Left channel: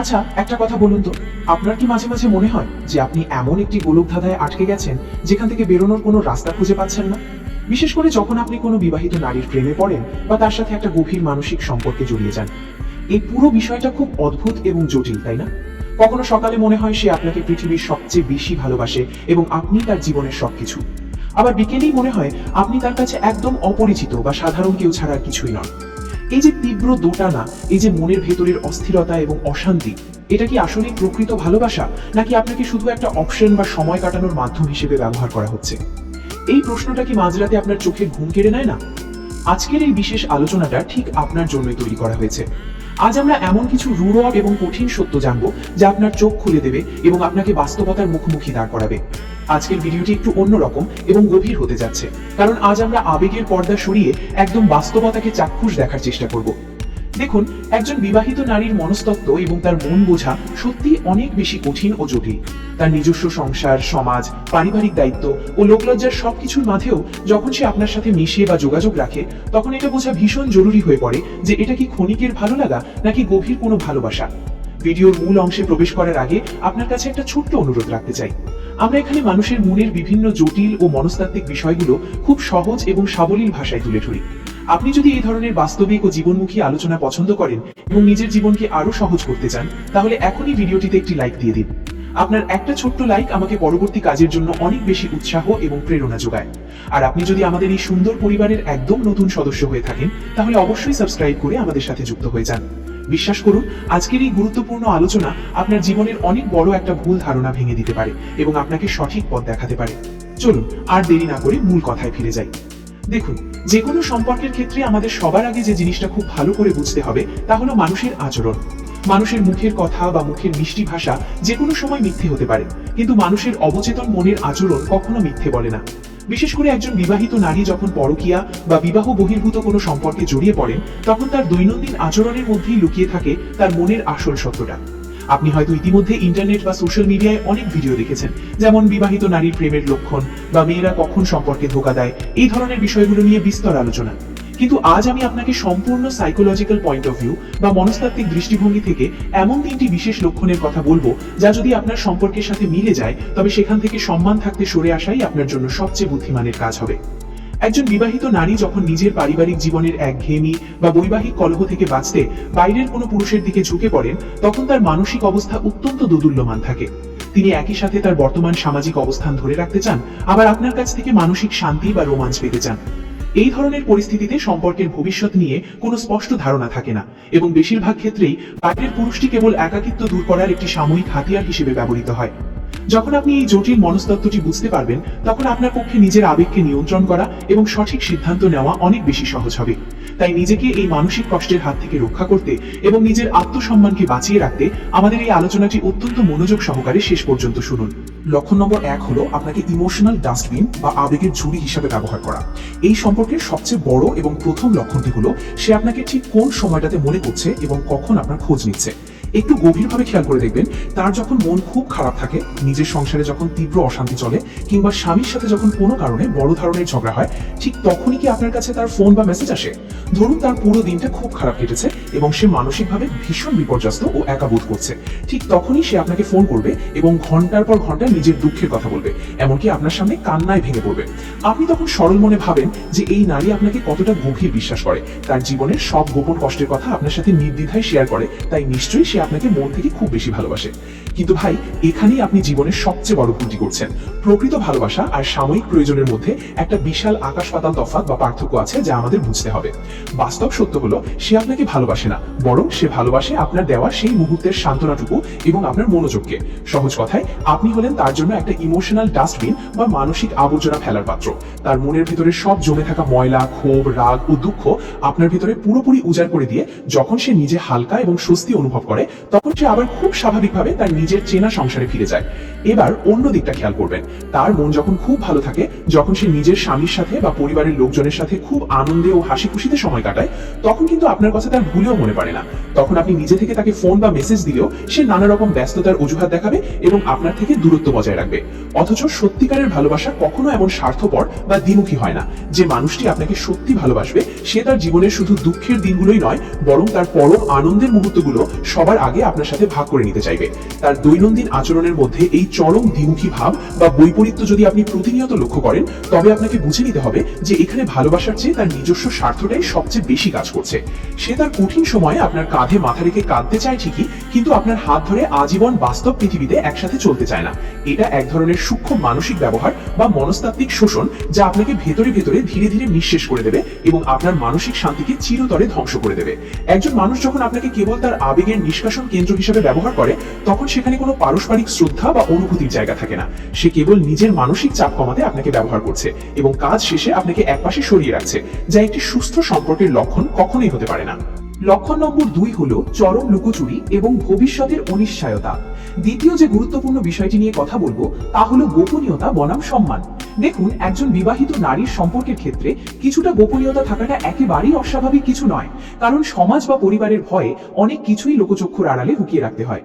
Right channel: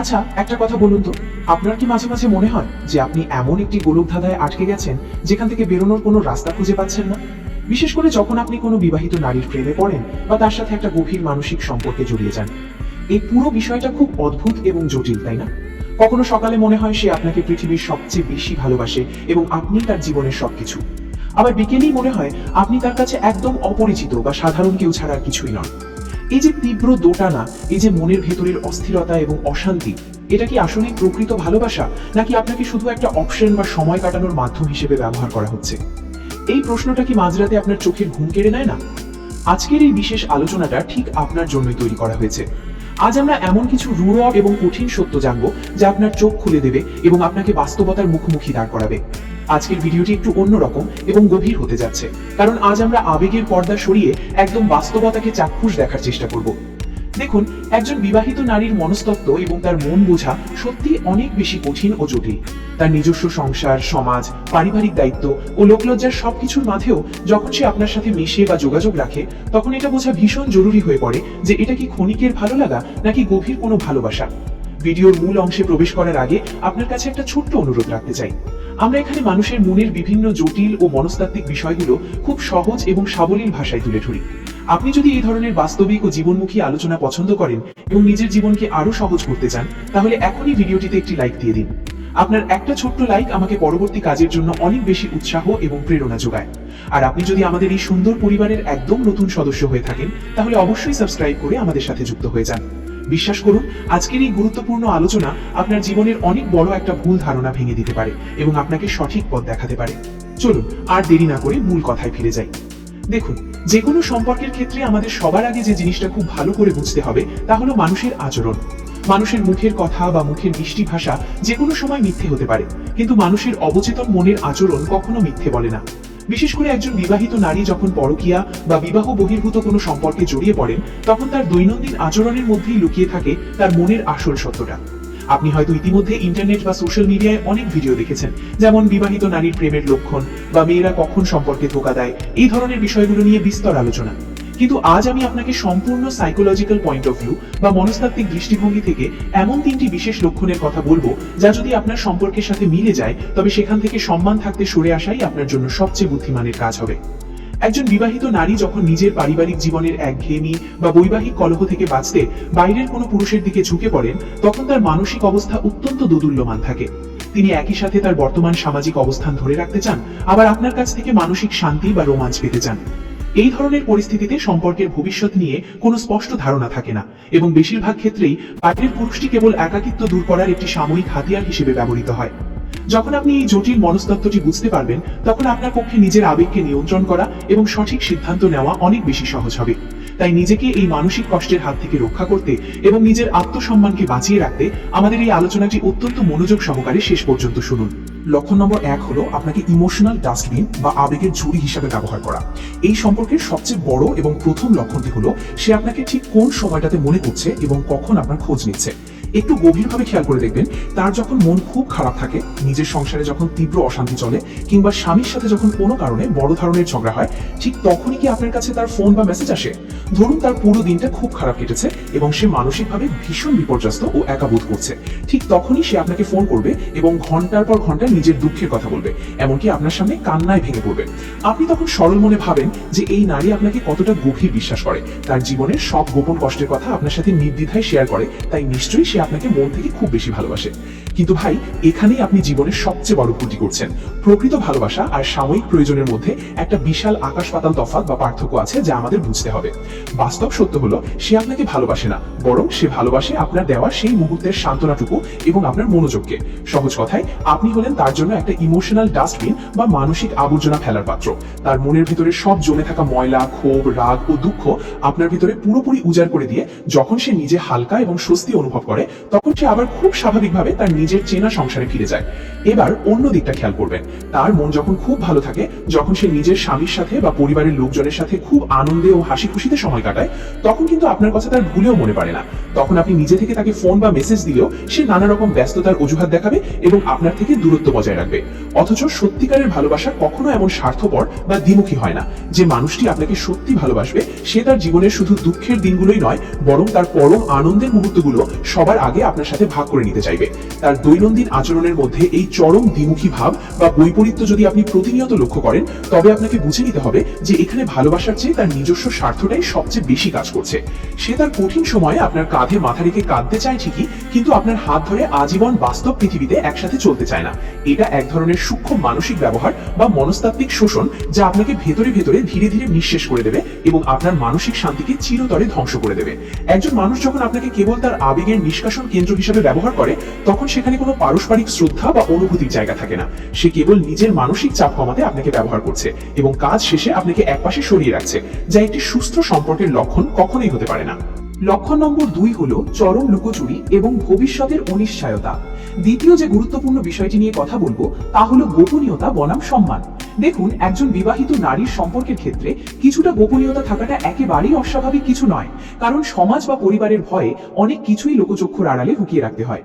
আচ্ছা, একটা কথা বলুন তো, আপনার কি মাঝে মাঝে মনে হয় যে আপনি এমন একটি গোলকধাঁধায় আটকে গেছেন যেখান থেকে বেরোনোর কোনো রাস্তা খুঁজে পাচ্ছেন না? বিশেষ করে যখন আপনি কোনো বিবাহিত নারীর প্রেমে পড়েন বা তার সাথে একটা গভীর মানসিক সম্পর্কে জড়িয়ে যান। এই পুরো বিষয়টা খুব অদ্ভুত এবং জটিল, তাই না? কখনো সকালে মনে হয় সে আপনাকে পৃথিবীর সবচেয়ে বেশি ভালোবাসে এবং আপনি তার জীবনের সবকিছু। আবার বিকেলেই মনে হয় আপনি তার কাছে একদম অপরিচিত বা সাধারণ কেউ ছাড়া আর কিছুই নন। এই যে তীব্র দোটানা, এই যে মনের ভেতরের অস্থিরতা এবং অশান্তি, এটা কি আসলেই প্রকৃত ভালোবাসা, নাকি আপনাকে শুধু একটা অপশন বা সময় কাটানোর মাধ্যম হিসেবে ব্যবহার করা হচ্ছে? এই প্রশ্নটা কি মাঝরাতে আপনার চোখের ঘুম কেড়ে নেয় না? আজকের এই বিশেষ আলোচনাটা ঠিক আপনার জন্যই তৈরি করা হয়েছে। আজ আমরা এমন কিছু রূঢ় এবং কঠিন সত্য জানবো যা আপনার চোখ খুলে দেবে এবং আপনাকে বাস্তবতার মুখোমুখি দাঁড় করাবে। আজকের ভিডিওটি একটু অন্যরকম এবং গভীর হতে যাচ্ছে, কারণ আজ আমরা আবেগের পর্দা সরিয়ে একদম বাস্তবতাকে চাক্ষুষ দেখার চেষ্টা করব। দেখুন, একজন বিবাহিত নারীর মনস্তত্ত্ব এবং তার মন বোঝা সত্যি অনেক বেশি কঠিন ও জটিল। তার নিজস্ব সংসার, সমাজ, পারিবারিক দায়িত্ব ও লোকলজ্জার সবকিছুর মাঝেও যখন সে আপনার সাথে মিশে বা যোগাযোগ রাখে, তখন এটা বোঝা ভীষণ জরুরি হয়ে পড়ে যে এটা কি ক্ষণিকের ভালো লাগা নাকি গভীর কোনো ভালোবাসা। ভিডিওর মূল অংশে প্রবেশ করার আগে আপনার কাছে একটা ছোট্ট অনুরোধ রাখতে চাই। আমরা এখানে মানুষের মনের বিভিন্ন জটিল ও মনস্তাত্ত্বিক বিষয়গুলো খুব সহজ এবং সাবলীল ভাষায় তুলে ধরি। আপনি যদি এই ধরনের বাস্তবিক ও জীবনমুখী আলোচনা পছন্দ করেন এবং নিজের জীবনকে আরো সহজ করতে চান, তাহলে এখনই ভিডিওটিতে একটি লাইক দিয়ে দিন। আপনার একটা ছোট্ট লাইক আমাকে পরবর্তী কাজের জন্য অনেক বেশি উৎসাহ এবং প্রেরণা যোগায়। আর আপনি যদি আমাদের এই সুন্দর পরিবারের একদম নতুন সদস্য হয়ে থাকেন, তাহলে অবশ্যই সাবস্ক্রাইব করে আমাদের সাথে যুক্ত হয়ে যান। বিশ্বাস করুন, আজকের এই গুরুত্বপূর্ণ আলোচনা আপনার জীবনের অনেক বড় একটা ভুল ধারণা ভেঙে দিতে পারে এবং আপনাকে সঠিক পথ দেখাতে পারে। চলুন আর দেরি না করে মূল কথায় ফিরে যাই। দেখুন, যে কোনো সম্পর্কের ক্ষেত্রে আমাদের সবার আগে যে জিনিসটা খুব ভালো করে বুঝতে হবে তা হলো মানুষের আচরণ। মানুষের মুখের কথা বা মুখের মিষ্টি ভাষা যে কোনো সময় মিথ্যে হতে পারে, কিন্তু মানুষের অবচেতন মনের আচরণ কখনো মিথ্যে বলে না। বিশেষ করে একজন বিবাহিত নারী যখন পরকীয়া বা বিবাহ বহির্ভূত কোনো সম্পর্কে জড়িয়ে পড়েন, তখন তার দৈনন্দিন আচরণের মধ্যেই লুকিয়ে থাকে তার মনের আসল সত্যটা। আপনি হয়তো ইতিমধ্যে ইন্টারনেট বা সোশ্যাল মিডিয়ায় অনেক ভিডিও দেখেছেন, যেমন বিবাহিত নারীর প্রেমের লক্ষণ বা মেয়েরা কখন সম্পর্কে ধোঁকা দেয়, এই ধরনের বিষয়গুলো নিয়ে বিস্তর আলোচনা। কিন্তু আজ আমি আপনাকে সম্পূর্ণ সাইকোলজিক্যাল পয়েন্ট অফ ভিউ বা মনস্তাত্ত্বিক দৃষ্টিভঙ্গি থেকে এমন তিনটি বিশেষ লক্ষণের কথা বলবো যা যদি আপনার সম্পর্কের সাথে মিলে যায়, তবে সেখান থেকে সম্মান থাকতে সরে আসাই আপনার জন্য সবচেয়ে বুদ্ধিমানের কাজ হবে। একজন বিবাহিত নারী যখন নিজের পারিবারিক জীবনের একঘেয়েমি বা বৈবাহিক কলহ থেকে বাঁচতে বাইরের কোনো পুরুষের দিকে ঝুঁকে পড়েন, তখন তার মানসিক অবস্থা অত্যন্ত দোদুল্যমান থাকে। তিনি একই সাথে তার বর্তমান সামাজিক অবস্থান ধরে রাখতে চান, আবার আপনার কাছ থেকে মানসিক শান্তি বা রোমাঞ্চ পেতে চান। এই ধরনের পরিস্থিতিতে সম্পর্কের ভবিষ্যৎ নিয়ে কোনো স্পষ্ট ধারণা থাকে না এবং বেশিরভাগ ক্ষেত্রেই বাইরের পুরুষটি কেবল একাকিত্ব দূর করার একটি সাময়িক হাতিয়ার হিসেবে ব্যবহৃত হয়। যখন আপনি এই জটিল মনস্তত্ত্বটি বুঝতে পারবেন, তখন আপনার পক্ষে নিজের আবেগকে নিয়ন্ত্রণ করা এবং সঠিক সিদ্ধান্ত নেওয়া অনেক বেশি সহজ হবে। তাই নিজেকে এই মানসিক কষ্টের হাত থেকে রক্ষা করতে এবং নিজের আত্মসম্মানকে বাঁচিয়ে রাখতে আমাদের এই আলোচনাটি অত্যন্ত মনোযোগ সহকারে শেষ পর্যন্ত শুনুন। লক্ষণ নম্বর 1 হলো আপনাকে ইমোশনাল ডাস্টবিন বা আবেগের ঝুড়ি হিসাবে ব্যবহার করা। এই সম্পর্কের সবচেয়ে বড় এবং প্রথম লক্ষণটি হলো সে আপনাকে ঠিক কোন সময়টাতে মনে করছে এবং কখন আপনার খোঁজ নিচ্ছে। একটু গভীরভাবে খেয়াল করে দেখবেন, তার যখন মন খুব খারাপ থাকে, নিজের সংসারে যখন তীব্র অশান্তি চলে, কিংবা স্বামীর সাথে যখন কোনো কারণে বড় ধরনের ঝগড়া হয়, ঠিক তখনই কি আপনার কাছে তার ফোন বা মেসেজ আসে? ধরুন তার পুরো দিনটা খুব খারাপ কেটেছে এবং সে মানসিকভাবে ভীষণ বিপর্যস্ত ও একা বোধ করছে, ঠিক তখনই সে আপনাকে ফোন করবে এবং ঘন্টার পর ঘন্টা নিজের দুঃখের কথা বলবে, এমনকি আপনার সামনে কান্নায় ভেঙে পড়বে। আপনি তখন সরল মনে ভাবেন যে এই নারী আপনাকে কতটা গভীর বিশ্বাস করে, তার জীবনের সব গোপন কষ্টের কথা আপনার সাথে নির্দ্বিধায় শেয়ার করে, তাই নিশ্চয়ই সে আপনাকে মন থেকে খুব বেশি ভালোবাসে। কিন্তু ভাই, এখানেই আপনি জীবনের সবচেয়ে বড় ভুলটি করছেন। প্রকৃত ভালোবাসা আর সাময়িক প্রয়োজনের মধ্যে একটা বিশাল আকাশ পাতাল তফাৎ বা পার্থক্য আছে যা আমাদের বুঝতে হবে। বাস্তব সত্য হলো সে আপনাকে ভালোবাসে না, বরং সে ভালোবাসে আপনার দেওয়া সেই মুহূর্তের সান্ত্বনাটুকু এবং আপনার মনোযোগকে। সহজ কথায়, আপনি হলেন তার জন্য একটা ইমোশনাল ডাস্টবিন বা মানসিক আবর্জনা ফেলার পাত্র। তার মনের ভিতরে সব জমে থাকা ময়লা, ক্ষোভ, রাগ ও দুঃখ আপনার ভিতরে পুরোপুরি উজাড় করে দিয়ে যখন সে নিজে হালকা এবং স্বস্তি অনুভব করে, তখন সে আবার খুব স্বাভাবিকভাবে তার নিজের চেনা সংসারে ফিরে যায়। এবার অন্য দিকটা খেয়াল করবেন, তার মন যখন খুব ভালো থাকে, যখন সে নিজের স্বামীর সাথে বা পরিবারের লোকজনের সাথে খুব আনন্দে ও হাসি খুশিতে সময় কাটায়, তখন কিন্তু আপনার কথা তার ভুলেও মনে পড়ে না। তখন আপনি নিজে থেকে তাকে ফোন বা মেসেজ দিলেও সে নানা রকম ব্যস্ততার অজুহাত দেখাবে এবং আপনার থেকে দূরত্ব বজায় রাখবে। অথচ সত্যিকারের ভালোবাসা কখনো এমন স্বার্থপর বা দ্বিমুখী হয় না। যে মানুষটি আপনাকে সত্যি ভালোবাসবে সে তার জীবনের শুধু দুঃখের দিনগুলোই নয়, বরং তার পরম আনন্দের মুহূর্তগুলো সবার আগে আপনার সাথে ভাগ করে নিতে চাইবে। তার দৈনন্দিন আচরণের মধ্যে এই চরম দ্বিমুখী ভাব বা বৈপরীত্য যদি আপনি প্রতিনিয়ত লক্ষ্য করেন, তবে আপনাকে বুঝে নিতে হবে যে এখানে ভালোবাসার চেয়ে তার নিজস্ব স্বার্থটাই সবচেয়ে বেশি কাজ করছে। সে তার কঠিন সময়ে আপনার কাঁধে মাথা রেখে কাঁদতে চায় ঠিকই, কিন্তু আপনার হাত ধরে আজীবন বাস্তব পৃথিবীতে একসাথে চলতে চায় না। এটা এক ধরনের সূক্ষ্ম মানসিক ব্যবহার বা মনস্তাত্ত্বিক শোষণ, যা আপনাকে ভেতরে ভেতরে ধীরে ধীরে নিঃশেষ করে দেবে এবং আপনার মানসিক শান্তিকে চিরতরে ধ্বংস করে দেবে। একজন মানুষ যখন আপনাকে কেবল তার আবেগের নিষ্কাশন কেন্দ্র হিসেবে ব্যবহার করে, তখন সেখানে কোনো পারস্পরিক শ্রদ্ধা বা অনুভূতির জায়গা থাকে না। সে কেবল নিজের মানসিক চাপ কমাতে আপনাকে ব্যবহার করছে এবং কাজ শেষে আপনাকে একপাশে সরিয়ে রাখছে, যা একটি সুস্থ সম্পর্কের লক্ষণ কখনোই হতে পারে না। লক্ষণ নম্বর 2 হলো চরম লুকোচুরি এবং ভবিষ্যতের অনিশ্চয়তা। দ্বিতীয় যে গুরুত্বপূর্ণ বিষয়টি নিয়ে কথা বলবো তা হলো গোপনীয়তা বনাম সম্মান। দেখুন, একজন বিবাহিত নারীর সম্পর্কের ক্ষেত্রে কিছুটা গোপনীয়তা থাকাটা একেবারেই অস্বাভাবিক কিছু নয়, কারণ সমাজ বা পরিবারের ভয়ে অনেক কিছুই লোকচক্ষুর আড়ালে লুকিয়ে রাখতে হয়।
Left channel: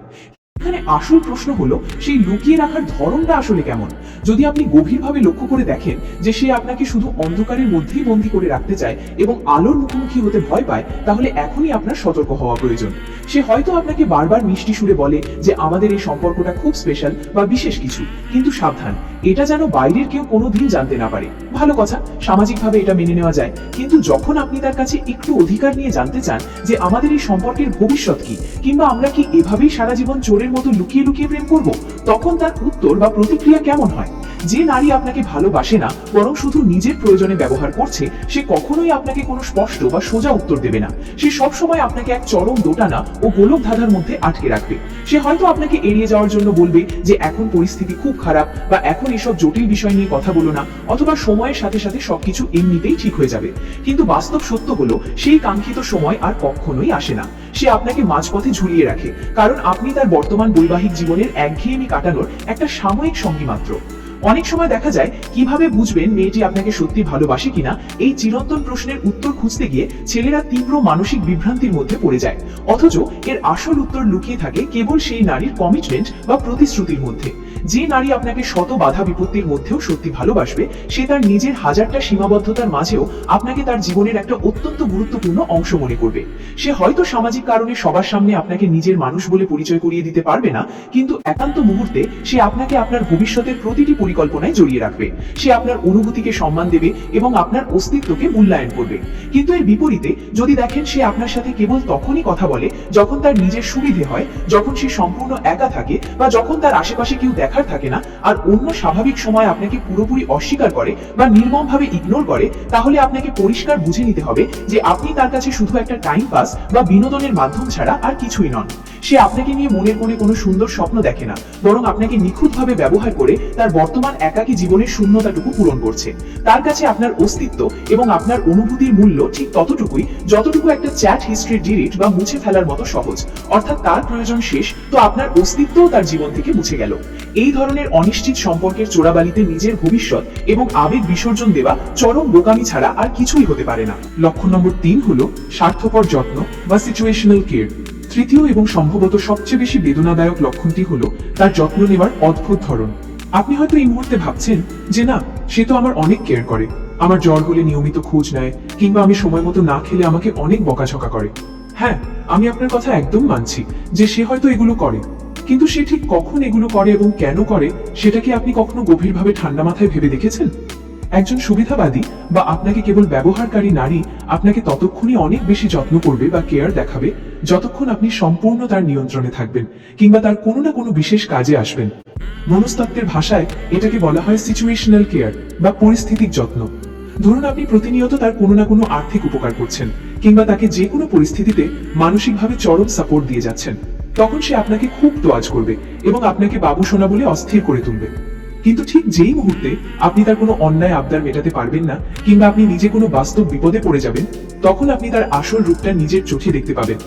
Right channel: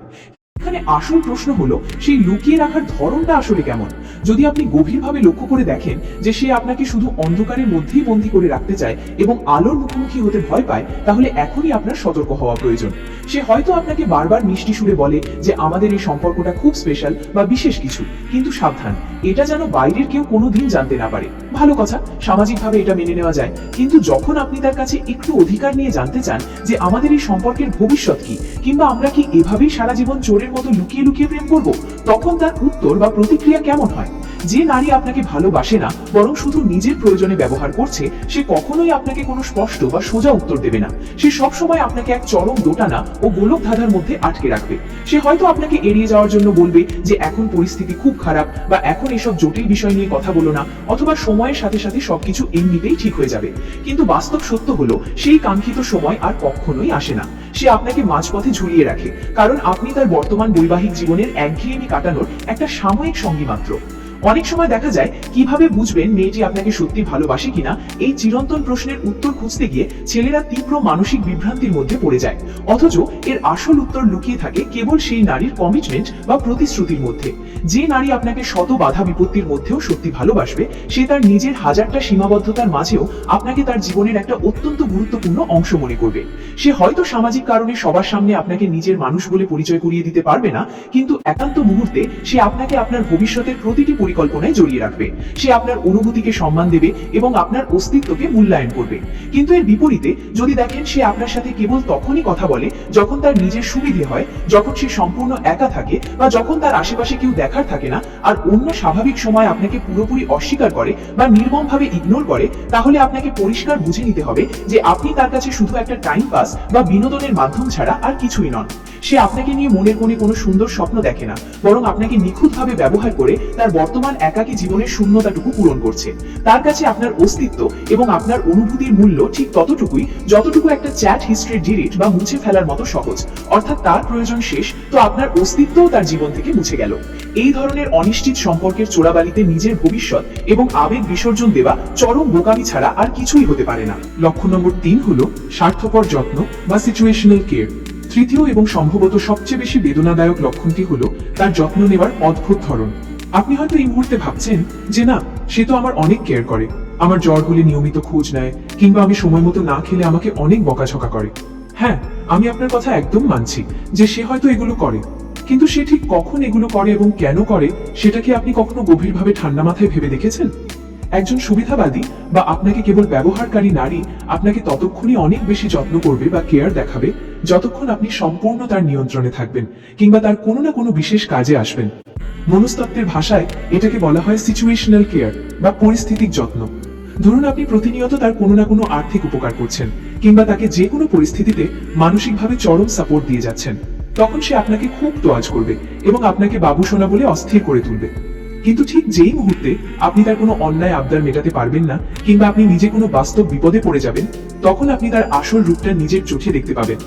এখানে আসল প্রশ্ন হলো সেই লুকিয়ে রাখার ধরনটা আসলে কেমন। যদি আপনি গভীরভাবে লক্ষ্য করে দেখেন যে সে আপনাকে শুধু অন্ধকারের মধ্যেই বন্দী করে রাখতে চায় এবং আলোর মুখোমুখি হতে ভয় পায়, তাহলে এখনই আপনার সতর্ক হওয়া প্রয়োজন। সে হয়তো আপনাকে বারবার মিষ্টি সুরে বলে যে আমাদের এই সম্পর্কটা খুব স্পেশাল বা বিশেষ কিছু, কিন্তু সাবধান, এটা যেন বাইরের কেউ কোনোদিন জানতে না পারে। ভালো কথা, সামাজিকভাবে এটা মেনে নেওয়া যায়, কিন্তু যখন আপনি তার কাছে একটু অধিকার নিয়ে জানতে চান যে আমাদের এই সম্পর্কের ভবিষ্যৎ কি, কিংবা আমরা কি এভাবেই সারা জীবন চোরের মতো লুকিয়ে লুকিয়ে প্রেম করব, তখন তার উত্তর বা প্রতিক্রিয়া কেমন হয়? যে নারী আপনাকে ভালোবাসে না, বরং শুধু নিজের প্রয়োজনে ব্যবহার করছে, সে কখনোই আপনাকে কোনো স্পষ্ট বা সোজা উত্তর দেবে না। সে সবসময় আপনাকে এক চরম দোটানা ও গোলক ধাঁধার মধ্যে আটকে রাখবে। সে হয়তো আপনাকে এড়িয়ে যাওয়ার জন্য বলবে যে এখন পরিস্থিতি খুব খারাপ, বা এখন এসব জটিল বিষয় নিয়ে কথা বলো না, অথবা সময়ের সাথে সাথে সবকিছু এমনিতেই ঠিক হয়ে যাবে। কিন্তু বাস্তব সত্য হলো সেই কাঙ্ক্ষিত সময় আর কখনোই আসে না। সে আপনাকে মাঝপথে ঝুলিয়ে রাখে, কারণ আপনি তার বর্তমান বৈবাহিক জীবনের একঘেয়েমি কাটানোর একটা সাময়িক সঙ্গী মাত্র। অনেক সময় দেখা যায় কিভাবে বুঝবেন মেয়েটি আপনাকে সত্যি ভালোবাসে কিনা, এই চিরন্তন প্রশ্নের উত্তর খুঁজতে গিয়ে ছেলেরা তীব্র মানসিক বিভ্রান্তির মধ্যে পড়ে যায়, অথচ এর আসল উত্তর লুকিয়ে থাকে কেবল সেই নারীর কমিটমেন্ট বা প্রতিশ্রুতির মধ্যে। যে নারী আপনাকে শত বাধা বিপত্তির মধ্যেও সত্যি ভালোবাসবে, সে তার নিজের হাজারটা সীমাবদ্ধতার মাঝেও আপনাকে তার জীবনের একটা অত্যন্ত গুরুত্বপূর্ণ অংশ মনে করবে। সে হয়তো সামাজিক কারণে সবার সামনে আপনাকে নিজের মানুষ বলে পরিচয় করিয়ে দিতে পারবে না, কিন্তু একান্ত মুহূর্তে সে আপনাকে আপনার ভবিষ্যতের প্রতিটি পরিকল্পনায় জড়িয়ে রাখবে। সে আপনার অনুভূতিকে সম্মান দেবে এবং আপনার অস্তিত্বকে মূল্যায়ন করবে। কিন্তু এর বিপরীতে যদি দেখেন সে আপনার সাথে কেবল তখনই কথা বলে যখন তার নিজের সুবিধে হয়, যখন সে সম্পূর্ণ একা থাকে, বা যখন তার আশেপাশে কেউ দেখার থাকে না, আর অন্য স্বাভাবিক সময় আপনাকে পুরোপুরি অস্বীকার করে বা নির্মমভাবে ইগনোর করে, তাহলে আপনাকে পরিষ্কার বুঝে নিতে হবে যে আপনি তার কাছে শুধু একটা টাইম পাস বা বিনোদনের মাধ্যম ছাড়া আর কিছুই নন। সে আপনাকে নিয়ে মনের মনে কোনো সুন্দর স্বপ্ন দেখে না, বরং আপনাকে নিখুঁতভাবে ব্যবহার করে তার বর্তমান একাকী জীবনের শূন্যতাটুকু পূরণ করছে। তার কাছে আপনার অস্তিত্ব এবং আপনার অনুভূতির মূল্য ঠিক ততটুকুই যতটুকু একটা চ্যাট হিস্ট্রি ডিলিট বা মুছে ফেলার মতো সহজ। অর্থাৎ তার প্রয়োজন শেষ তো আপনার অস্তিত্বও তার জীবন থেকে মুছে গেল। এই ধরনের অনিশ্চিত সম্পর্কের চোরাবালিতে নিজের ভবিষ্যৎ এবং আবেগ বিসর্জন দেওয়া চরম বোকামি ছাড়া আর কিছুই হতে পারে না। লক্ষণ নম্বর 3 হলো স্বার্থপর যত্ন বা সিচুয়েশনাল কেয়ার। তৃতীয় এবং সম্ভবত সবচেয়ে বেশি বেদনাদায়ক লক্ষণটি হলো তার যত্ন নেওয়ার অদ্ভুত ধরন। আপনি হয়তো এই মুহূর্তে ভাবছেন যে না, সে তো আমার অনেক কেয়ার করে, আমার জ্বর হলে নিয়মিত খোঁজ নেয়, কিংবা আমি সময় মতো না খেলে আমাকে অনেক বকাঝকা করে। হ্যাঁ, আমি আপনার কথা একদম মানছি যে সে হয়তো এগুলো করে, কিন্তু সে ঠিক কখন এগুলো করে এবং কেন করে সেটা কি আপনি কখনো গভীরভাবে ঠান্ডা মাথায় ভেবে দেখেছেন? একজন সুবিধাবাদী বা আপনাকে কেবল ব্যবহারকারী নারী আপনাকে ততক্ষণই অনেক বেশি যত্ন করবে বা কেয়ার দেখাবে যতক্ষণ আপনি সম্পূর্ণ তার নিয়ন্ত্রণে থাকবেন, কিংবা তার কোনো না কোনো বিশেষ কাজে আসবেন। মনস্তত্ত্বের ভাষায় এটাকে বলা হয় সিচুয়েশনাল কেয়ার বা পরিস্থিতিক যত্ন। ধরুন আপনি প্রতিনিয়ত তার কোনো না কোনো আর্থিক উপকার করছেন, কিংবা তাকে যে কোনো পরিস্থিতিতে মানসিকভাবে চরম সাপোর্ট দিয়ে যাচ্ছেন, তখন সে আপনাকে খুব তোয়াজ করবে এবং আপনাকে বাবু সোনা বলে অস্থির করে তুলবে। কিন্তু ঠিক যেই মুহূর্তে আপনি তার কোনো অন্যায় আবদার মেটাতে পারবেন না, কিংবা আপনি নিজে কোনো বাস্তব বিপদে পড়ে যাবেন, তখন আপনি তার আসল রূপটা নিজের চোখে দেখতে পাবেন।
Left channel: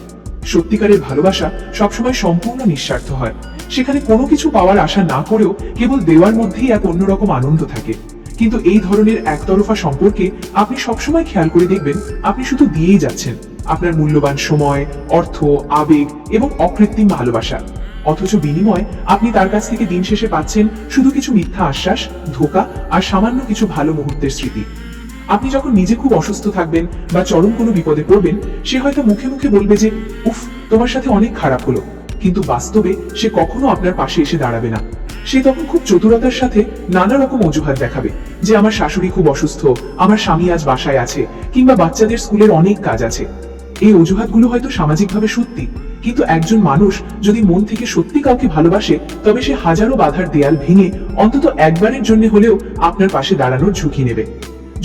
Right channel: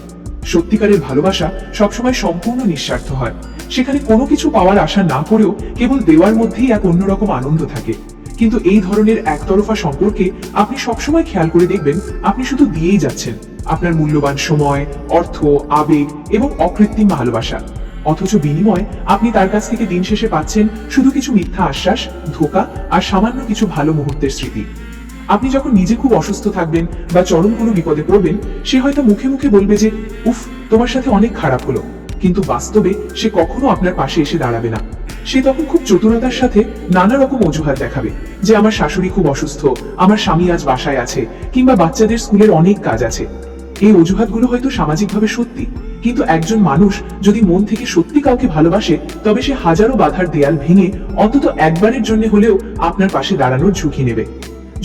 সত্যিকারের ভালোবাসা সবসময় সম্পূর্ণ নিঃস্বার্থ হয়। সেখানে কোনো কিছু পাওয়ার আশা না করেও কেবল দেওয়ার মধ্যেই এক অন্যরকম আনন্দ থাকে। কিন্তু এই ধরনের একতরফা সম্পর্কে আপনি সবসময় খেয়াল করে দেখবেন আপনি শুধু দিয়েই যাচ্ছেন আপনার মূল্যবান সময়, অর্থ, আবেগ এবং অকৃত্রিম ভালোবাসা, অথচ বিনিময়ে আপনি তার কাছ থেকে দিন শেষে পাচ্ছেন শুধু কিছু মিথ্যা আশ্বাস, ধোঁকা আর সামান্য কিছু ভালো মুহূর্তের স্মৃতি। আপনি যখন নিজে খুব অসুস্থ থাকবেন বা চরম কোনো বিপদে পড়বেন, সে হয়তো মুখে মুখে বলবে যে উফ, তোমার সাথে অনেক খারাপ হলো, কিন্তু বাস্তবে সে কখনো আপনার পাশে এসে দাঁড়াবে না। সে তখন খুব চতুরতার সাথে নানা রকম অজুহাত দেখাবে যে আমার শাশুড়ি খুব অসুস্থ, আমার স্বামী আজ বাসায় আছে, কিংবা বাচ্চাদের স্কুলের অনেক কাজ আছে। এই অজুহাতগুলো হয়তো সামাজিকভাবে সত্যি, কিন্তু একজন মানুষ যদি মন থেকে সত্যি কাউকে ভালোবাসে, তবে সে হাজারো বাধার দেয়াল ভেঙে অন্তত একবারের জন্য হলেও আপনার পাশে দাঁড়ানোর ঝুঁকি নেবে।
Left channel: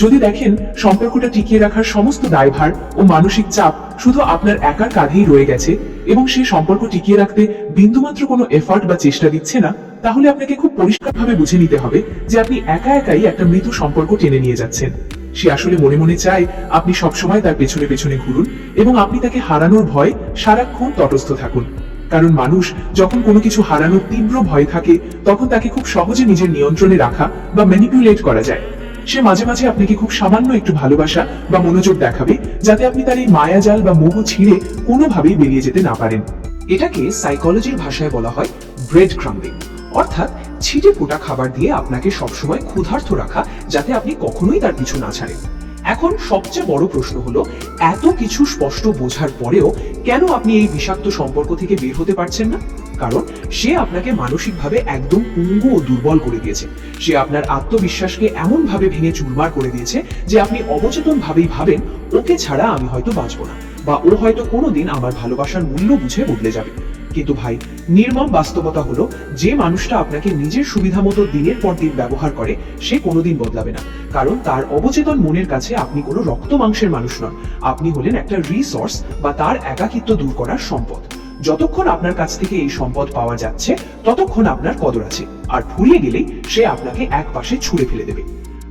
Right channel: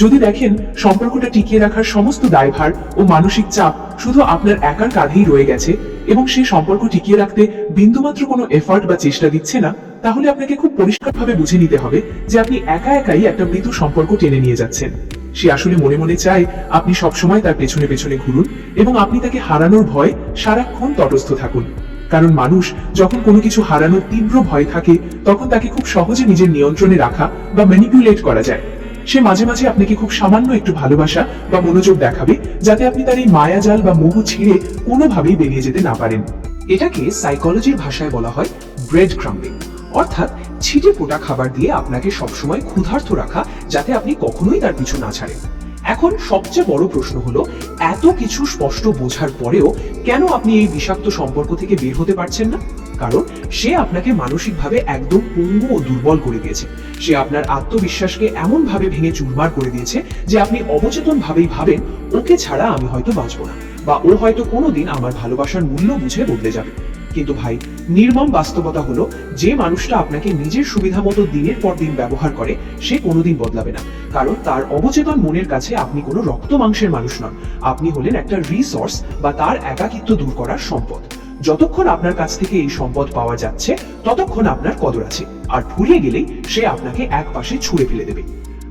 যদি দেখেন সম্পর্কটা টিকিয়ে রাখার সমস্ত দায়ভার ও মানসিক চাপ শুধু আপনার একার কাঁধেই রয়ে গেছে এবং সেই সম্পর্ক টিকিয়ে রাখতে বিন্দুমাত্র কোনো এফার্ট বা চেষ্টা দিচ্ছে না, তাহলে আপনাকে খুব পরিষ্কারভাবে বুঝে নিতে হবে যে আপনি একা একাই একটা মৃত্যু সম্পর্ক টেনে নিয়ে যাচ্ছেন। সে আসলে মনে মনে চায় আপনি সবসময় তার পেছনে পেছনে ঘুরুন এবং আপনি তাকে হারানোর ভয় সারাক্ষণ তটস্থ থাকুন। কারণ মানুষ যখন কোনো কিছু হারানোর তীব্র ভয় থাকে, তখন তাকে খুব সহজে নিজের নিয়ন্ত্রণে রাখা বা ম্যানিপুলেট করা যায়। সে মাঝে মাঝে আপনাকে খুব সামান্য একটু ভালোবাসা বা মনোযোগ দেখাবে, যাতে আপনি তার এই মায়াজাল বা মোহ ছিঁড়ে কোনোভাবেই বেরিয়ে যেতে না পারেন। এটাকে সাইকোলজির ভাষায় বলা হয় ব্রেড ক্রাম্বিং, অর্থাৎ ছিটে ফোটা খাবার দিয়ে আপনাকে সবসময় ক্ষুধার্ত রাখা, যাতে আপনি কখনোই তার পিছু না ছাড়েন। এখন সবচেয়ে বড় প্রশ্ন হলো, এত কিছু স্পষ্ট বোঝার পরেও কেন আপনি এই বিষাক্ত সম্পর্ক থেকে বের হতে পারছেন না? কারণ সে আপনাকে মানসিকভাবে একদম পঙ্গু ও দুর্বল করে দিয়েছে। সে আপনার আত্মবিশ্বাসকে এমন ভাবে ভেঙে চুরমার করে দিয়েছে যে আপনি অবচেতন ভাবেই ভাবেন, ওকে ছাড়া আমি হয়তো বাঁচবো না, বা ও হয়তো কোনোদিন আমার ভালোবাসার মূল্য বুঝে বদলে যাবে। কিন্তু ভাই, নির্মম বাস্তবতা হলো, যে মানুষটা আপনাকে নিজের সুবিধা মতো দিনের পর দিন ব্যবহার করে, সে কোনোদিন বদলাবে না। কারণ তার অবচেতন মনের কাছে আপনি কোনো রক্ত মাংসের মানুষ নন, আপনি হলেন একটা রিসোর্স বা তার একাকিত্ব দূর করার সম্পদ। যতক্ষণ আপনার কাছ থেকে এই সম্পদ পাওয়া যাচ্ছে, ততক্ষণ আপনার কদর আছে, আর ফুরিয়ে গেলেই সে আপনাকে এক পাশে ছুঁড়ে ফেলে দেবে।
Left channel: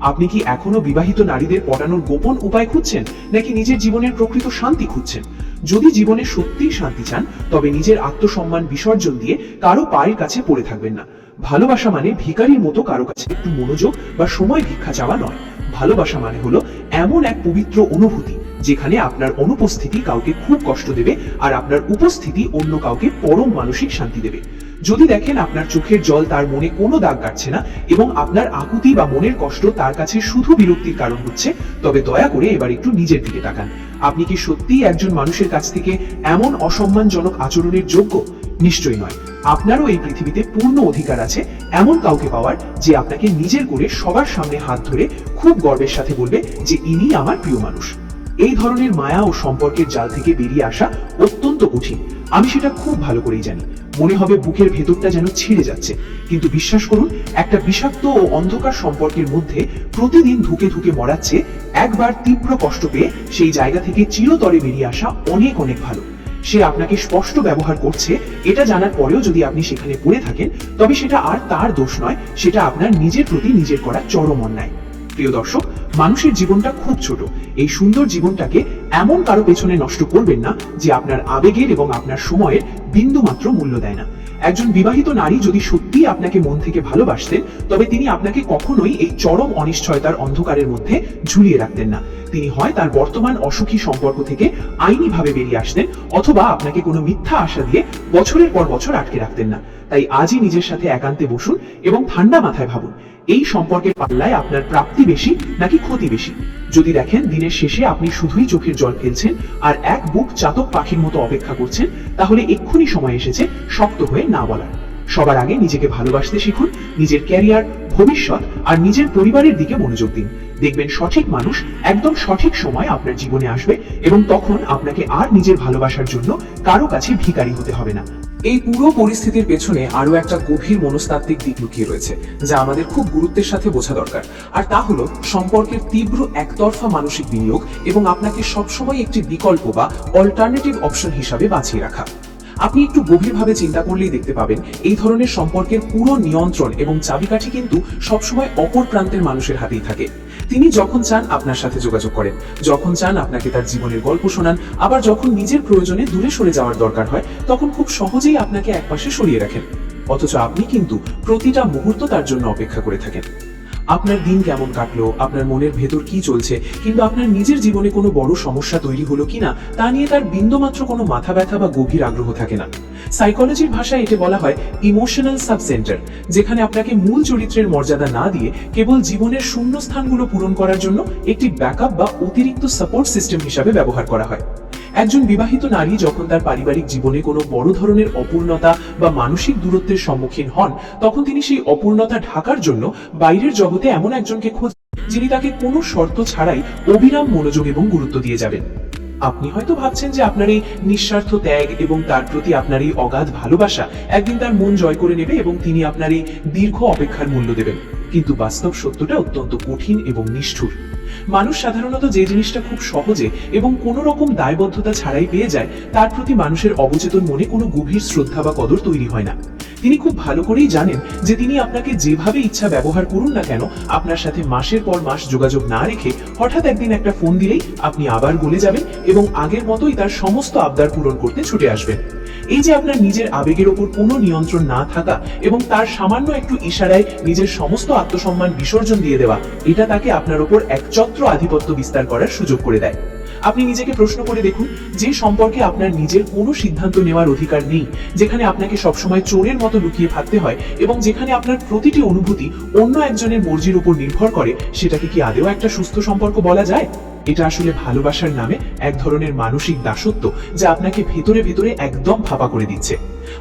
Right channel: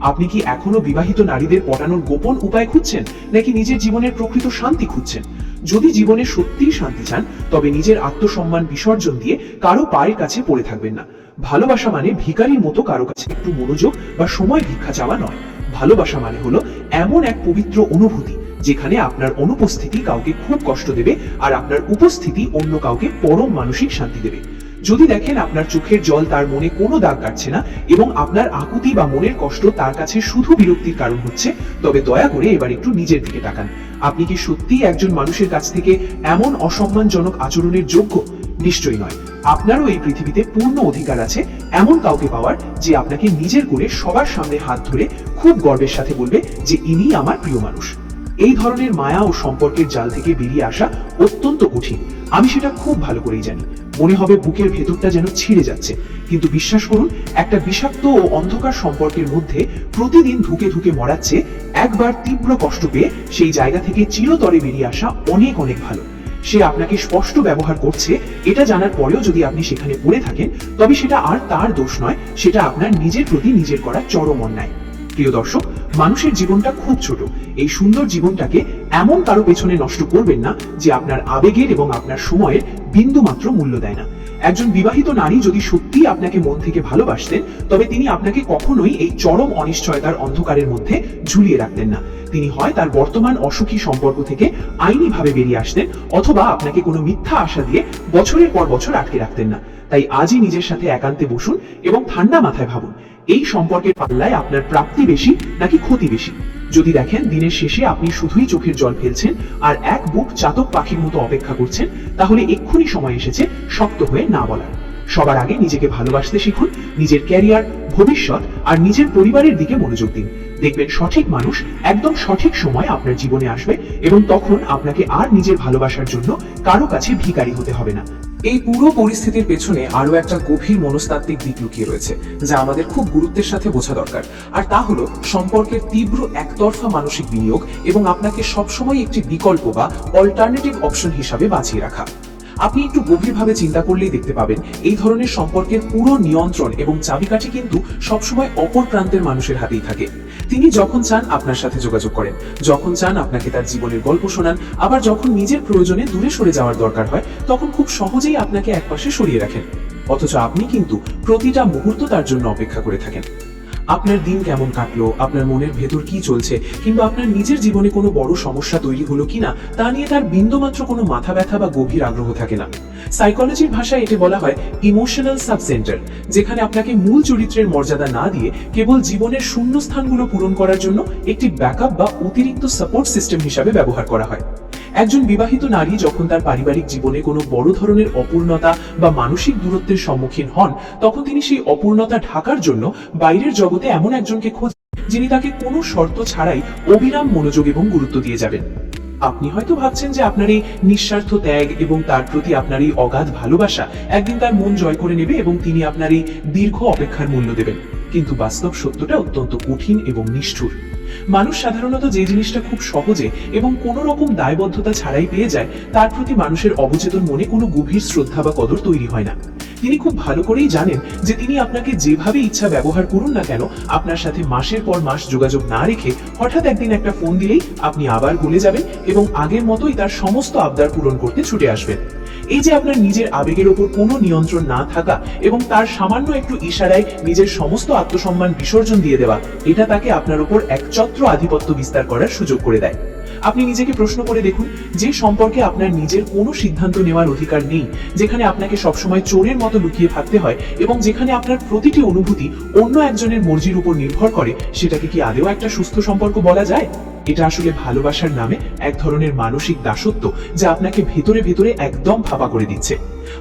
আপনি কি এখনো বিবাহিত নারীদের পটানোর গোপন উপায় খুঁজছেন, নাকি নিজের জীবনের প্রকৃত শান্তি খুঁজছেন? যদি জীবনে সত্যিই শান্তি চান, তবে নিজের আত্মসম্মান বিসর্জন দিয়ে কারো পায়ের কাছে পড়ে থাকবেন না। ভালোবাসা মানে ভিখারির মতো কারো কাছে একটু মনোযোগ বা সময় ভিক্ষা চাওয়া নয়। ভালোবাসা মানে হলো এমন এক পবিত্র অনুভূতি, যেখানে আপনার অনুপস্থিতি কাউকে খুব কষ্ট দেবে আর আপনার উপস্থিতি অন্য কাউকে পরম মানসিক শান্তি দেবে। যদি দেখেন আপনার চোখের জল তার মনে কোনো দাগ কাটছে না এবং আপনার আকুতি বা মনের কষ্ট তার কাছে শুধু বিরক্তির কারণ হচ্ছে, তবে দয়া করে এবার একটু নিজের দিকে তাকান। আপনি কি সত্যিই একজন মানুষের কাছ থেকে এমন অসম্মানজনক আচরণের যোগ্য? নিশ্চয়ই নয়। আপনারও এই পৃথিবীতে পূর্ণ অধিকার আছে এমন কাউকে পাওয়ার, যে আপনাকে নিজের করে সবার সামনে হাত ধরে খুব গর্বের সাথে বলবে যে ইনি আমার প্রিয় মানুষ। এই ধরনের মায়া ও সম্পর্কের জাল থেকে বেরিয়ে আসা অত্যন্ত কঠিন, আমি সেটা খুব ভালো করেই জানি। মনে হবে বুকের ভেতরটা যেন ছিঁড়ে যাচ্ছে, কিন্তু বিশ্বাস করুন, একটা বিষাক্ত ও অন্ধকার সম্পর্কের মধ্যে প্রতিদিন ধুকে ধুকে মরাচ্ছে, একবার তীব্র কষ্ট পেয়ে সেই জায়গা থেকে চিরতরে বেরিয়ে আসা অনেক অনেক ভালো। সে আপনাকে স্পষ্ট ব্যবহার করছে এটা জানার পরেও যদি আপনি সেখানে পড়ে থাকেন, তবে সেটা আর তার দোষ নয়, সেটা আপনার নিজের প্রতি নিজের করা চরম অন্যায়। প্রিয় দর্শক, মানুষের জীবনটা খুব ছোট। এই সুন্দর জীবনটাকে এমন কারো পেছনে নষ্ট করবেন না যে আপনার আবেগের এবং আপনার সময়ের বিন্দু মাত্র মূল্য দেয় না। একজন বিবাহিত নারী যদি সত্যি আপনাকে মন থেকে ভালোবাসতেন, তবে তিনি আপনাকে কখনোই এই চরম অনিশ্চয়তার অন্ধকারের মধ্যে ঝুলিয়ে রাখতেন না। তিনি হয় তার বর্তমান অসুখী সম্পর্ক থেকে আইনিভাবে বেরিয়ে আসতেন, অথবা আপনাকে কোনো মিথ্যা আশা দিয়ে বছরের পর বছর আটকে রাখতেন না। তাই আজই নিজের সাথে একান্তে বসুন এবং ঠান্ডা মাথায় ভাবুন, এই সম্পর্কের পাল্লায় আপনার প্রাপ্তি বেশি নাকি ক্ষতি বেশি। যদি দেখেন দিনের শেষে আপনি শুধুই চোখের জল ফেলছেন আর এক বুক চাতক পাখির মতো অপেক্ষা করছেন, তাহলে এক্ষুনি সময় এসেছে শক্ত হয়ে না বলার। সবার আগে নিজেকে ভালোবাসতে শিখুন, নিজের ক্যারিয়ার, ভবিষ্যৎ আর নিজের পরিবারের দিকে মনোযোগ দিন। দেখবেন সঠিক মানুষ একদম সঠিক সময় আপনার জীবনে আসবে, এবং তখন আপনাকে আর নিজের ভালোবাসার জন্য কারো কাছে ভিখারি হতে হবে না। এই পুরো পরিস্থিতির পেছনে আরো একটা গভীর মনস্তাত্ত্বিক দিক লুকিয়ে রয়েছে, যা আমাদের খুব গুরুত্বের সাথে বোঝা দরকার। আর তা হলো সম্পর্কের তীব্র একতরফা মানসিক বিনিয়োগ এবং আপনাকে সবসময় একটি বিকল্প বা অল্টারনেটিভ অপশন হিসাবে বাঁচিয়ে রাখা। আপনি একটু গভীরভাবে চিন্তা করলেই দেখতে পাবেন, এই ধরনের সম্পর্কের পুরো নিয়ন্ত্রণ এবং চাবিকাঠি কিন্তু সবসময় অপর প্রান্তের মানুষের হাতেই থাকে। তিনি যখন চান আপনার সাথে যোগাযোগ করেন, যখন চান আপনাকে তার জীবনের গল্প শোনান, আবার যখন নিজের প্রয়োজনে দূরে সরে যাওয়ার দরকার হয়, তখন খুব সহজেই আপনাকে একপাশে সরিয়ে রাখেন। অথচ আপনি কিন্তু প্রতিটা মুহূর্ত তার জন্য অপেক্ষা করে থাকেন। আপনার দিন কেমন কাটলো, আপনার মনের ভেতর কি চলছে, কিংবা আপনার নিজের জীবনে কোনো বড় সমস্যা তৈরি হলো কিনা তা নিয়ে তার বিন্দুমাত্র কোনো মাথা ব্যথা বা গভীর আগ্রহ থাকে না। সাইকোলজির ভাষায় এটি বলা হয় ইমোশনাল সাবসেন্টার, যেখানে আপনাকে মূল চরিত্রের মর্যাদা না দিয়ে কেবল জীবনের শূন্য স্থানগুলো পূরণ করার জন্য একটি ব্যাকআপ বা অতিরিক্ত সাপোর্ট সিস্টেম হিসাবে ব্যবহার করা হয়। একজন বিবাহিত নারী যখন তার পারিবারিক জীবনে কোনো বড় ধরনের অপূর্ণতা বা মানসিক দূরত্বের সম্মুখীন হন, তখন তিনি সেই অপূর্ণতা ঢাকার জন্য বাইরের জগতে এমন একজনকে খোঁজেন যিনি তাকে কোনো শর্ত ছাড়াই অবিরাম মনোযোগ এবং গুরুত্ব দিয়ে যাবেন। আপনি হয়তো ভাবছেন যে আপনার এই নিঃস্বার্থ ত্যাগ এবং তার প্রতি আপনার এই অগাধ ভালোবাসা একদিন তার মন জয় করে নেবে এবং তিনি আপনার এই দীর্ঘ অপেক্ষার মূল্য দেবেন, কিন্তু বাস্তব সত্যটা অত্যন্ত কঠিন এবং নিষ্ঠুর। মানুষ সাধারণত যে জিনিসটা খুব সহজে এবং কোনো রকম দায়বদ্ধতা ছাড়াই পেয়ে যায়, তার প্রতি মানুষের অবচেতন মনে কোনো গভীর শ্রদ্ধা বা কদর তৈরি হয় না। তিনি খুব ভালো করেই জানেন যে তিনি আপনাকে যেভাবে ইচ্ছা ব্যবহার করুন না কেন, আপনার সাথে মাসের পর মাস যোগাযোগ না রেখে হঠাৎ একদিন একটা ফোন দিলেই আপনি আবার ভুলে যাবেন এবং আগের মতোই তার সমস্ত আবদার পূরণ করতে ছুটে আসবেন। এই যে আপনার নিজের আবেগের উপর কোনো নিয়ন্ত্রণ না থাকা এবং তার সামান্য একটু ইশারায় নিজের সমস্ত আত্মসম্মান বিসর্জন দিয়ে দেওয়া, এটা তাকে আপনার উপর একচ্ছত্র আধিপত্য বিস্তার করার সুযোগ করে দেয়। আপনি নিজেকে প্রশ্ন করে দেখুন, যে সম্পর্কে আপনার নিজের কোনো সিদ্ধান্ত নেওয়ার অধিকার নেই, যেখানে আপনাকে সবসময় চোরের মতো লুকিয়ে থাকতে হয় এবং যেখানে আপনার প্রতিটি অনুভূতি অন্য একজনের মর্জির উপর নির্ভর করে, সেটাকে কি আদৌ একটা সুস্থ সম্পর্ক বলা যায়? এটা আসলে ভালোবাসার নামে এক ধরনের মানসিক দাসত্ব, যা আপনাকে ভেতরে ভেতরে একদম ফাঁপা করে দিচ্ছে।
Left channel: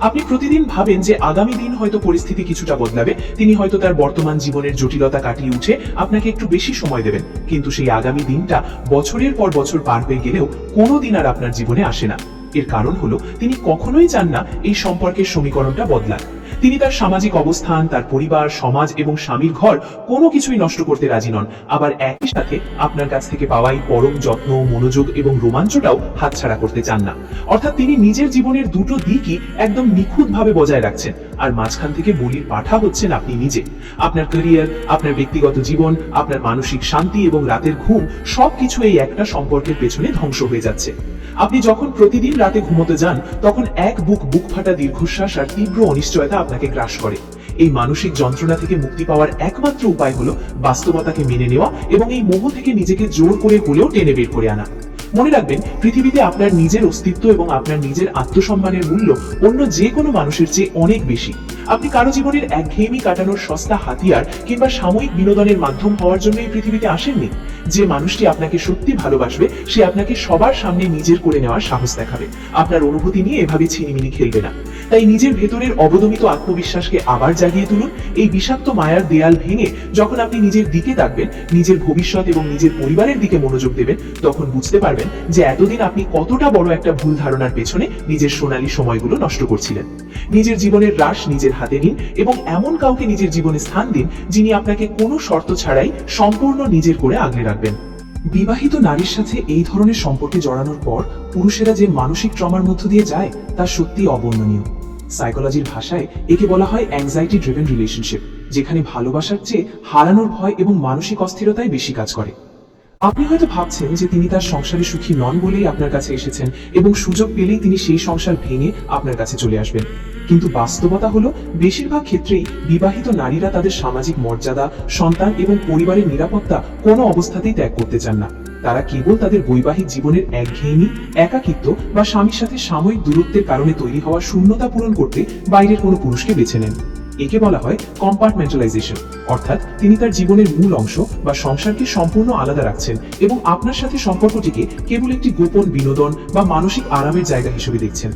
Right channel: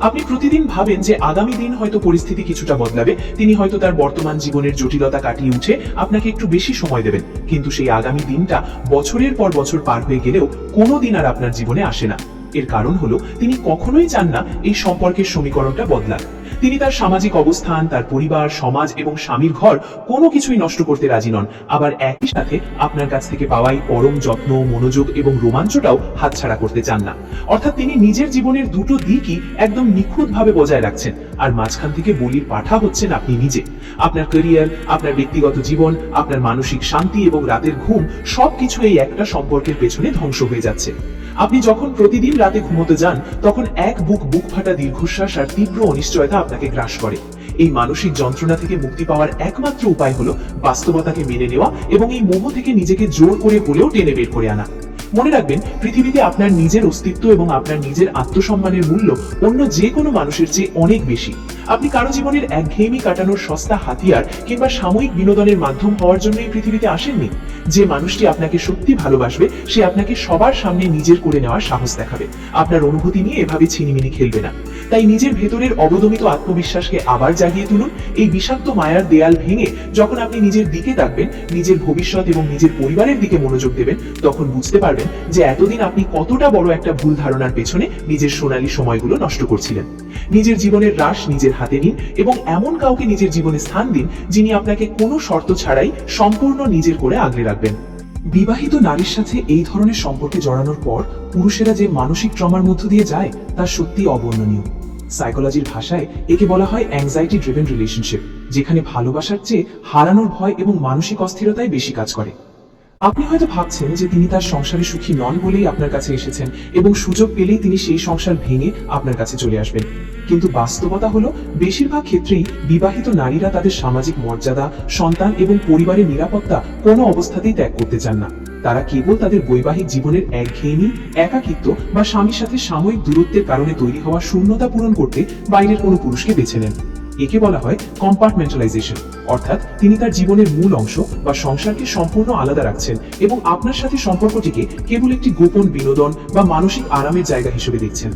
আপনি প্রতিদিন ভাবেন যে আগামী দিন হয়তো পরিস্থিতি কিছুটা বদলাবে, তিনি হয়তো তার বর্তমান জীবনের জটিলতা কাটিয়ে উঠে আপনাকে একটু বেশি সময় দেবেন, কিন্তু সেই আগামী দিনটা বছরের পর বছর পার হয়ে গেলেও কোনোদিন আর আপনার জীবনে আসে না। এর কারণ হলো তিনি কখনোই চান না এই সম্পর্কের সমীকরণটা বদলাক। তিনি তার সামাজিক অবস্থান, তার পরিবার, সমাজ এবং স্বামীর ঘর কোনো কিছুই নষ্ট করতে রাজি নন, আবার একই সাথে আপনার কাছ থেকে পাওয়াই পরম যত্ন, মনোযোগ এবং রোমাঞ্চটাও হাতছাড়া করতে চান না। অর্থাৎ তিনি নিজের জীবনের দুটো দিকই একদম নিখুঁতভাবে বজায় রাখছেন, আর মাঝখান থেকে বলির পাঠা হচ্ছেন আপনি নিজে। আপনার ক্যারিয়ার, আপনার ব্যক্তিগত জীবন, আপনার মানসিক শান্তি এবং রাতের ঘুম সবকিছু এই একটা সম্পর্কের পেছনে ধ্বংস হয়ে যাচ্ছে। আপনি যখন প্রতিদিন রাতে ঘুমোতে যান, তখন এক বুক ফাটা দীর্ঘশ্বাস আর তীব্র অনিশ্চয়তা আপনাকে গ্রাস করে। এই মানসিক যন্ত্রণা থেকে মুক্তি পাওয়ার একমাত্র উপায় হলো বাস্তবতাকে মেনে নেওয়া এবং এই মোহ থেকে নিজেকে জোর করে হলেও টেনে বের করে আনা। মনে রাখবেন, পৃথিবীতে আপনার নিজের অস্তিত্ব এবং আপনার নিজের আত্মসম্মানের মূল্য অন্য যে কোনো মানুষের চেয়ে অনেক বেশি। আপনি কারো জীবনের একঘেয়েমি কাটানোর সস্তা হাতিয়ার কিংবা সাময়িক বিনোদনের মাধ্যম হওয়ার জন্য এই পৃথিবীতে আসেননি। যে মানুষটি আপনাকে সত্যি ভালোবাসবে, সে আপনাকে সবার সামনে নিজের করে নেওয়ার সাহস দেখাবে, আপনার অনুভূতি নিয়ে এভাবে ছিনিমিনি খেলবে না। তাই নিজের ভেতরের অবদমিত আত্মবিশ্বাসকে আবার জাগিয়ে তুলুন। এই বিষাক্ত মায়ার দেয়াল ভেঙে যখন আপনি নিজের দিকে তাকবেন, নিজের ভবিষ্যৎ এবং নিজের পরিবারের দিকে মনোযোগ দেবেন, তখন বুঝতে পারবেন যে এতদিন আপনি কতটা বড় একটা ভুল ধারণার পেছনে নিজের সোনালী সময়গুলো নষ্ট করছিলেন। নিজের জীবনের রাশ নিজের হাতে নিন এবং এমন কাউকে নিজের জীবনে স্থান দিন যিনি আপনাকে কোনো শর্ত ছাড়াই সম্পূর্ণ নিজের করে আগলে রাখবেন। বিবাহিত নারীর সাথে এই ধরনের সম্পর্কে জড়ানোর পর পুরুষেরা যে মানসিক ট্রমার মধ্য দিয়ে যায়, তা সত্যি অবর্ণনীয়। সাইকোলজির ভাষায় একে বলা হয় অ্যাংজাইটি ড্রিভেন রিলেশনশিপ, যেখানে ভালোবাসার চেয়ে হারানোর ভয় এবং মানসিক অস্থিরতাই বেশি কাজ করে। আপনি হয়তো ভাবছেন যে তিনি তার সংসারে সুখী নন বলেই আপনার কাছে এসেছেন এবং সুযোগ পেলেই তিনি সেই সংসার ভেঙে আপনার কাছে চলে আসবেন। কিন্তু বাস্তবতা হলো, বেশিরভাগ ক্ষেত্রেই বিবাহিত নারীরা তাদের সামাজিক মর্যাদা, সন্তান এবং পরিবারের নিরাপত্তা কোনো অবস্থাতেই ত্যাগ করতে চান না। তারা কেবল তাদের বৈবাহিক জীবনের একঘেয়েমি, একাকিত্ব বা স্বামীর সাথে সাময়িক দূরত্বের কারণে তৈরি হওয়া শূন্যতা পূরণ করতে বাইরের কোনো পুরুষকে বেছে নেন। একে বলা হয় কম্পার্টমেন্টালাইজেশন, অর্থাৎ তিনি তার জীবনের মূল অংশ বা সংসারকে সম্পূর্ণ আলাদা রাখছেন এবং আপনার সাথে সম্পর্কটিকে কেবল একটি গোপন বিনোদন বা মানসিক আরামের জায়গা হিসেবে দেখছেন।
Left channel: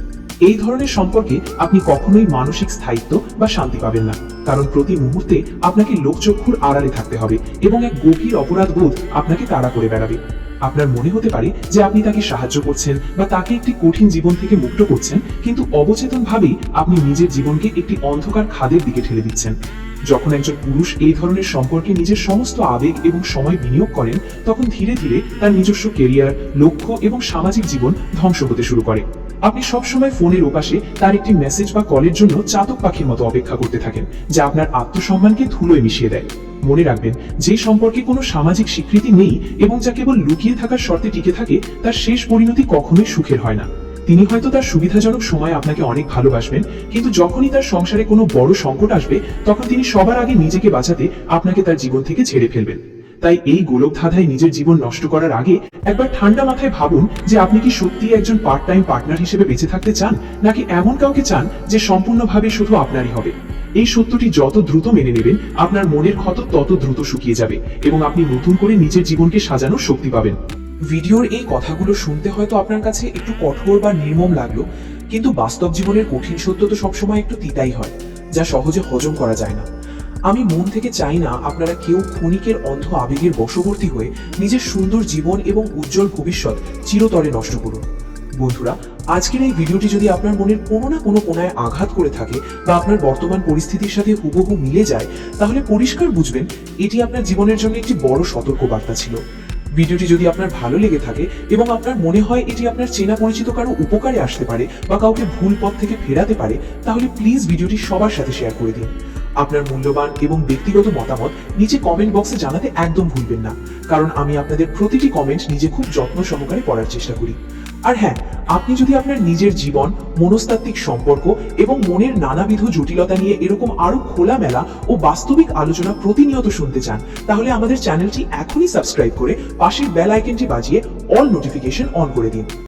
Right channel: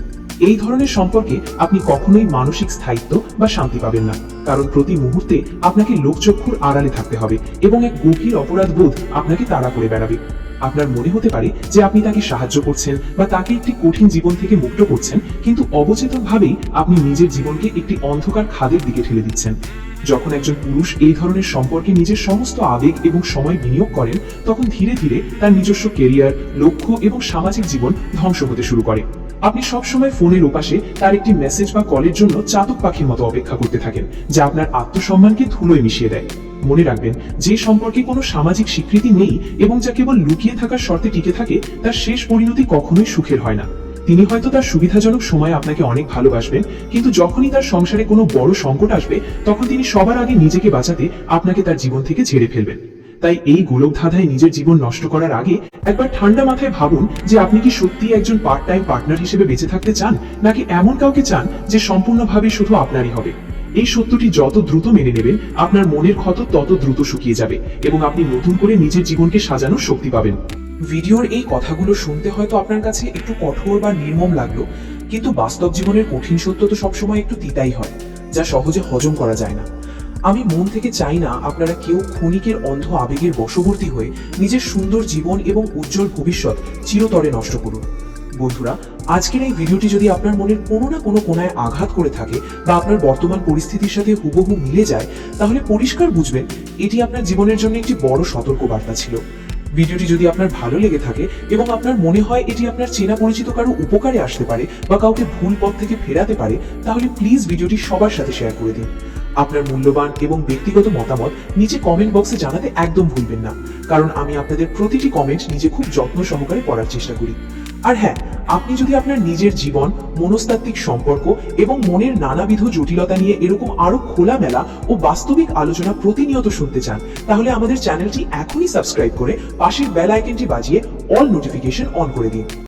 এই ধরনের সম্পর্কে আপনি কখনোই মানসিক স্থায়িত্ব বা শান্তি পাবেন না, কারণ প্রতি মুহূর্তে আপনাকে লোকচক্ষুর আড়ালে থাকতে হবে এবং এক গভীর অপরাধ বোধ আপনাকে তাড়া করে বেড়াবে। আপনার মনে হতে পারে যে আপনি তাকে সাহায্য করছেন বা তাকে একটি কঠিন জীবন থেকে মুক্ত করছেন, কিন্তু অবচেতনভাবেই আপনি নিজের জীবনকে একটি অন্ধকার খাদের দিকে ঠেলে দিচ্ছেন। যখন একজন পুরুষ এই ধরনের সম্পর্কে নিজের সমস্ত আবেগ এবং সময় বিনিয়োগ করেন, তখন ধীরে ধীরে তার নিজস্ব কেরিয়ার, লক্ষ্য এবং সামাজিক জীবন ধ্বংস হতে শুরু করে। আপনি সবসময় ফোনের ওপাশে তার একটি মেসেজ বা কলের জন্য চাতক পাখির মতো অপেক্ষা করতে থাকেন, যা আপনার আত্মসম্মানকে ধুলোয় মিশিয়ে দেয়। মনে রাখবেন, যে সম্পর্কে কোনো সামাজিক স্বীকৃতি নেই এবং যা কেবল লুকিয়ে থাকার শর্তে টিকে থাকে, তার শেষ পরিণতি কখনোই সুখের হয় না। তিনি হয়তো তার সুবিধাজনক সময়ে আপনাকে অনেক ভালোবাসবেন, কিন্তু যখনই তার সংসারে কোনো বড় সংকট আসবে তখন তিনি সবার আগে নিজেকে বাঁচাতে আপনাকে তার জীবন থেকে ঝেড়ে ফেলবেন। তাই এই গোলক ধাঁধায় নিজের জীবন নষ্ট করার আগে একবার ঠান্ডা মাথায় ভাবুন যে আপনি কি সত্যিই একজন পার্ট টাইম পার্টনার হিসেবে বেঁচে থাকতে চান, নাকি এমন কাউকে চান যে সম্পূর্ণভাবে শুধু আপনারই হবে। এই সত্যটি যত দ্রুত মেনে নেবেন আপনার মনের ক্ষত তত দ্রুত শুকিয়ে যাবে এবং আপনি নতুন করে নিজের জীবনকে সাজানোর শক্তি পাবেন। ভিডিওর এই কথাগুলো শুনতে হয়তো আপনার কাছে একটু কঠোর বা নির্মম লাগলো, কিন্তু বাস্তব জীবনের কঠিন সত্য তো সবসময় একটু তিতাই হয়, যা সহজে হজম করা যায় না। আমি মন থেকে চাই না আপনারা কেউ ক্ষণিকের অন্ধ আবেগের বশবর্তী হয়ে নিজের সুন্দর জীবন এবং উজ্জ্বল ভবিষ্যৎ চিরতরে নষ্ট করুন। বন্ধুরা, আজকের এই ভিডিওটি যদি আপনার মনের কোনো না কোনো কোণায় আঘাত করে থাকে বা আপনার বর্তমান পরিস্থিতির সাথে হুবহু মিলে যায়, তাহলে পরিষ্কার বুঝবেন এটি আপনার জীবনের জন্য একটি বড় সতর্কবার্তা ছিল। ভিডিওটি যদি আপনার ভালো লেগে থাকে এবং আপনার মনে হয় এটি আপনার চেনা পরিচিত কারো উপকারে আসতে পারে বা কাউকে ভুল পথ থেকে ফেরাতে পারে, তাহলে প্লিজ ভিডিওটি সবার সাথে শেয়ার করে দিন। আপনার মূল্যবান এবং ব্যক্তিগত মতামত নিচে কমেন্ট বক্সে জানাতে একদম ভুলবেন না, কারণ আমি আপনাদের প্রতিটি কমেন্ট নিজে খুব যত্ন সহকারে পড়ার চেষ্টা করি। আর হ্যাঁ, আপনি যদি আপনার নিজের জীবন, মনস্তাত্ত্বিক সম্পর্ক এবং মনের নানাবিধ জটিলতা নিয়ে এরকম আরো খোলামেলা ও বাস্তবিক আলোচনা প্রতিনিয়ত শুনতে চান, তাহলে আমাদের চ্যানেলটি এখনই সাবস্ক্রাইব করে পাশের বেল আইকনটি বাজিয়ে অল নোটিফিকেশন অন করে দিন।